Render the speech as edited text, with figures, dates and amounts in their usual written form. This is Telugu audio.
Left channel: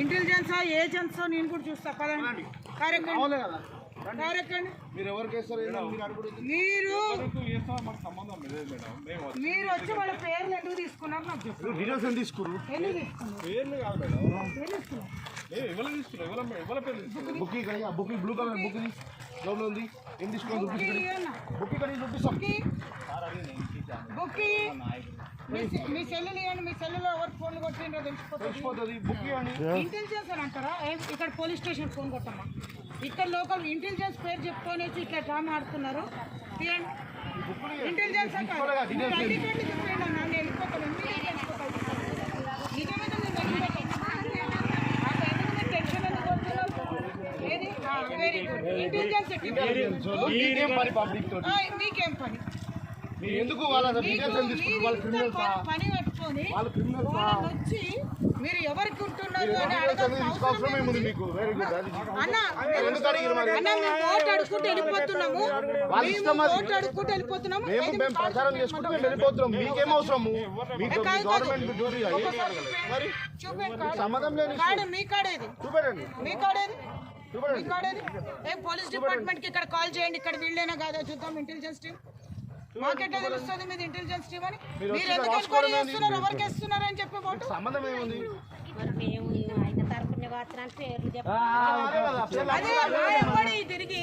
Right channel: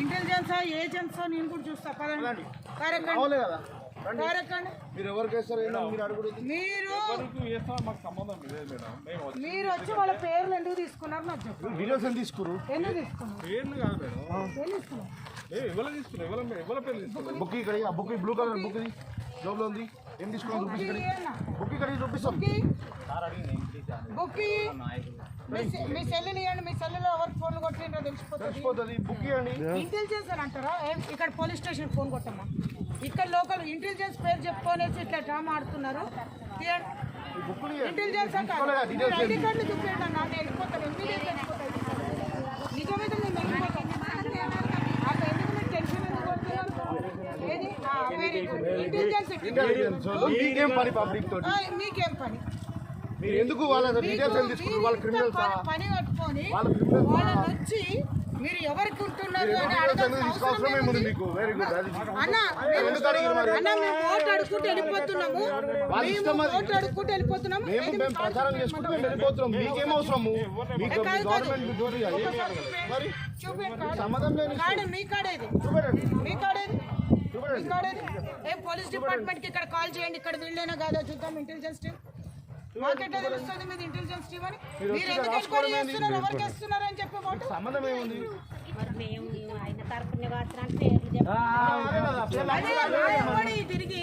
ఇంటెలిజెన్స్ ఏజెంట్స్ నేను కూడా చూస్తా పదండి. మీరు వచ్చి వాళ్ళ పేర్లు ఎందుకు తీసుకున్నారు నాకు చెప్పండి. డీటెయిల్స్ ఎందుకు తీసుకున్నారు? బుక్ బ్లూ కలర్ బుక్ జోబులో ఉంది. ఏం తీసుకున్నారు? బుక్ మీ సెల్లుని ఇవ్వండి. మీ సెల్లులో ఎవరు ఫోన్ కొట్టిండ్రో తెలిసిపోతుంది. ఇంటెలిజెన్స్ అని అంటారా? ఇక్కడ పోలీస్ స్టేషన్ ఫోన్ కొట్టమ్మా. ఇక్కడ లోకల్ ఇంటెలిజెన్స్ పేరు చెప్పుకొనేసి ఇట్లా డ్రామా ఆడుతున్నారు. ఇంటెలిజెన్స్ అంటారు. ఐడి కార్డులు చెప్పండి. నన్ను వెళ్ళిపోతాను. ఇంటెలిజెన్స్ వెళ్ళిపోతాను. నిజమైతే నేను వెళ్ళిపోతాను. నాకు ఎందుకు మీరు టెన్షన్ ఎందుకు కొడుతున్నారు? ఏది వెరీ గుడ్. ఇంటెలిజెన్స్ మీకేం పని? ఎందుకు వాళ్ళ పని కట్టుకొని వాళ్ళని వచ్చి మీరు ఎవరికి ఉంటున్నారు అన్న మేము ఓటు అడుక్కుంటూ వెళ్ళిపోతున్నాము. ప్రచారం చేసుకుంటూ వెళ్ళిపోతున్నాం. మీకేం అవసరము? మీ కాడేది పోలీస్ డిపార్ట్మెంట్ కి ఇక్కడ కాల్ చేయండి. ఇక్కడ వీళ్ళైనా కాదా చూద్దాం. ఇంటెలిజెన్స్ టీమ్ మాకెట్లా తెలుస్తుంది మీది ఇంటెలిజెన్స్ టీమ్ అని? మీరు ఎందుకు ఎంక్వైరీ చేస్తున్నారు? ఎవరికి వేస్తున్నారు అని చెప్పి ఓటు సంబంధం ఏముంది? తిరిగి